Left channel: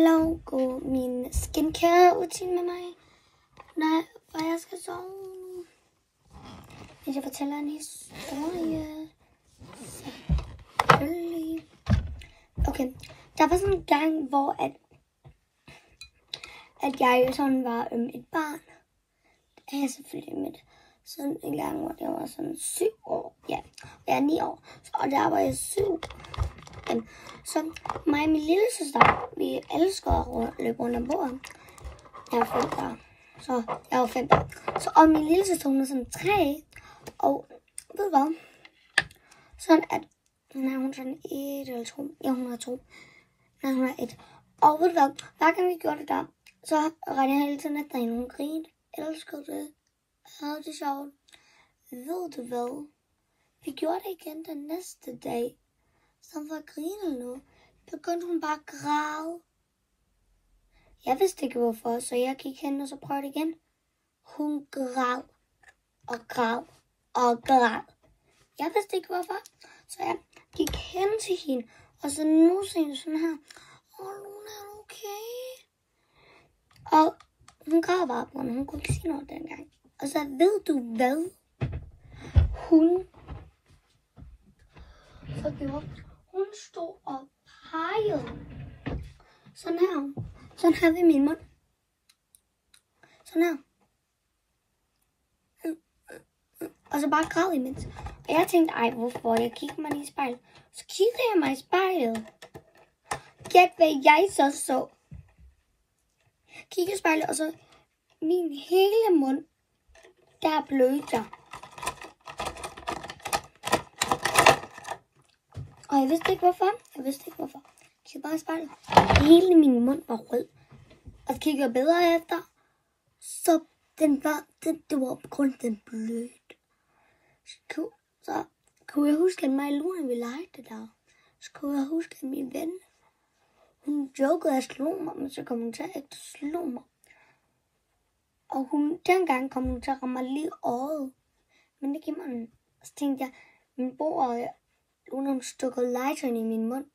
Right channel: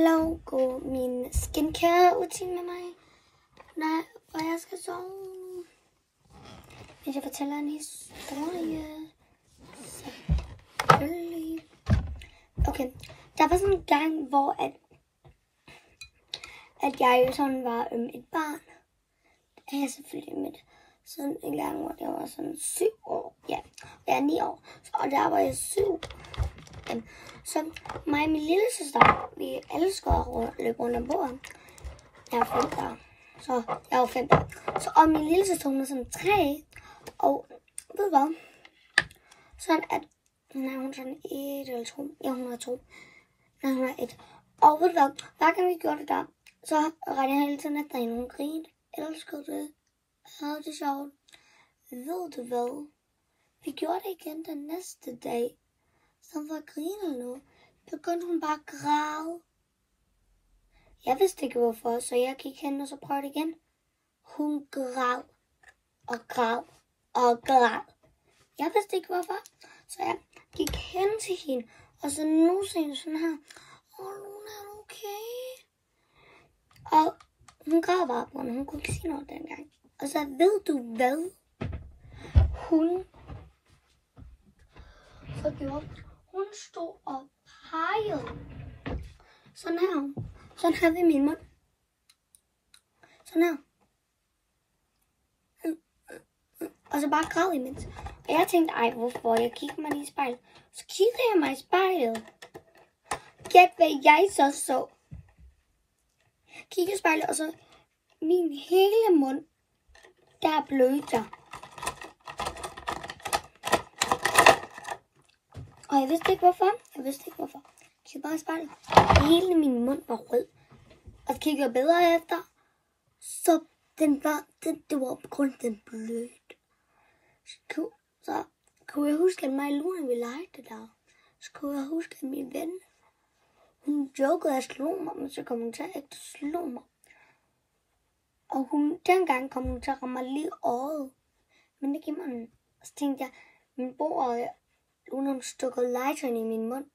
Hello, gå min skincare-rutine med mig. Nej, hvor jeg skal sove. Men jeg fortæller en historie. Selvfølgelig. Okay, der var sådan en gang, hvor at jeg sådan var et barn. Det er jeg selvfølgelig med. Sådan en gang, hvor jeg var sådan 7 år. Ja, jeg er 9 år. Og der var jeg 7. Så mig og min lille søster, vi elsker at løbe rundt om bordet. Jeg er 5 der. Så jeg var 5 der. Så og min lille søster, hun er sådan 3. Og ved du hvad? Sådan at hun er sådan 1 eller 2. Ja, hun er 2. Nej, hun er 1. Og ved du hvad? Hver gang vi gjorde det der, så regnede jeg hele tiden efter hende. Hun grinede. Elskede det. Havde det sjovt. Ved du hvad? Vi gjorde det igen den næste dag. Som for at grine nu, begyndte hun bare at græde. Jeg vidste ikke hvorfor, så jeg gik hen og så prøvede igen. Hun græd og græd og græd. Jeg vidste ikke hvorfor, så jeg gik hen til hende, og så nussede hende sådan her. Luna, er du okay? Og hun græd bare på hende, hun kunne ikke sige noget dengang. Og så ved du hvad? Hun stod og pegede. Sådan her. Sådan her ved min mund. Sådan her. Og så bare græd imens. Og jeg tænkte, ej hvorfor? Jeg kiggede mig i spejlet. Så kiggede jeg mig i spejlet. Gæt hvad jeg så. Kiggede i spejlet, og så min hele mund, der blødte. Og jeg vidste ikke hvorfor. Jeg kiggede bare i spejlet. Hele min mund var rød. Og så kiggede jeg bedre efter. Så det var på grund af den blødte. Så kunne jeg huske, at mig og Luna, vi legede det der. Så kunne jeg huske, at min ven, hun jokede at slå mig, men så kom hun til at ikke slå mig. Og dengang kom hun til at ramme mig lige øjet. Men det gik mig. Så tænkte jeg, min bror og Luna stukkede lighteren i min mund.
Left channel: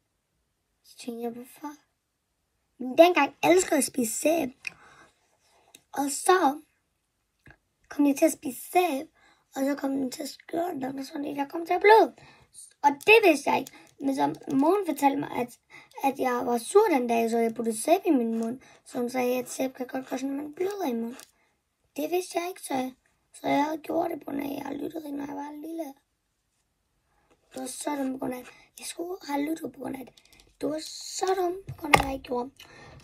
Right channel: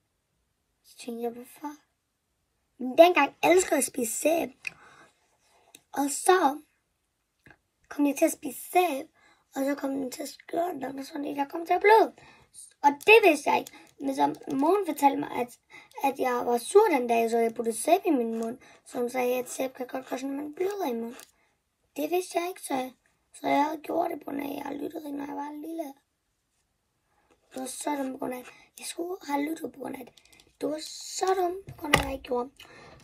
Så tænkte jeg, hvorfor? Men dengang elskede jeg at spise sæb. Og så kom jeg til at spise sæb. Og så kom den til at skøre den, og sådan, jeg kom til at bløde. Og det vidste jeg ikke. Men så moren fortalte mig, at jeg var sur den dag, så jeg puttede sæb i min mund. Så hun sagde, at sæb kan godt gøre sådan, at man bløder i munden. Det vidste jeg ikke, så jeg havde gjort det på, når jeg lyttede, når jeg var lille. Det var så dumt på grund af, jeg skulle have lyttet på grund af det. Det var så dumt på grund af, at jeg ikke gjorde.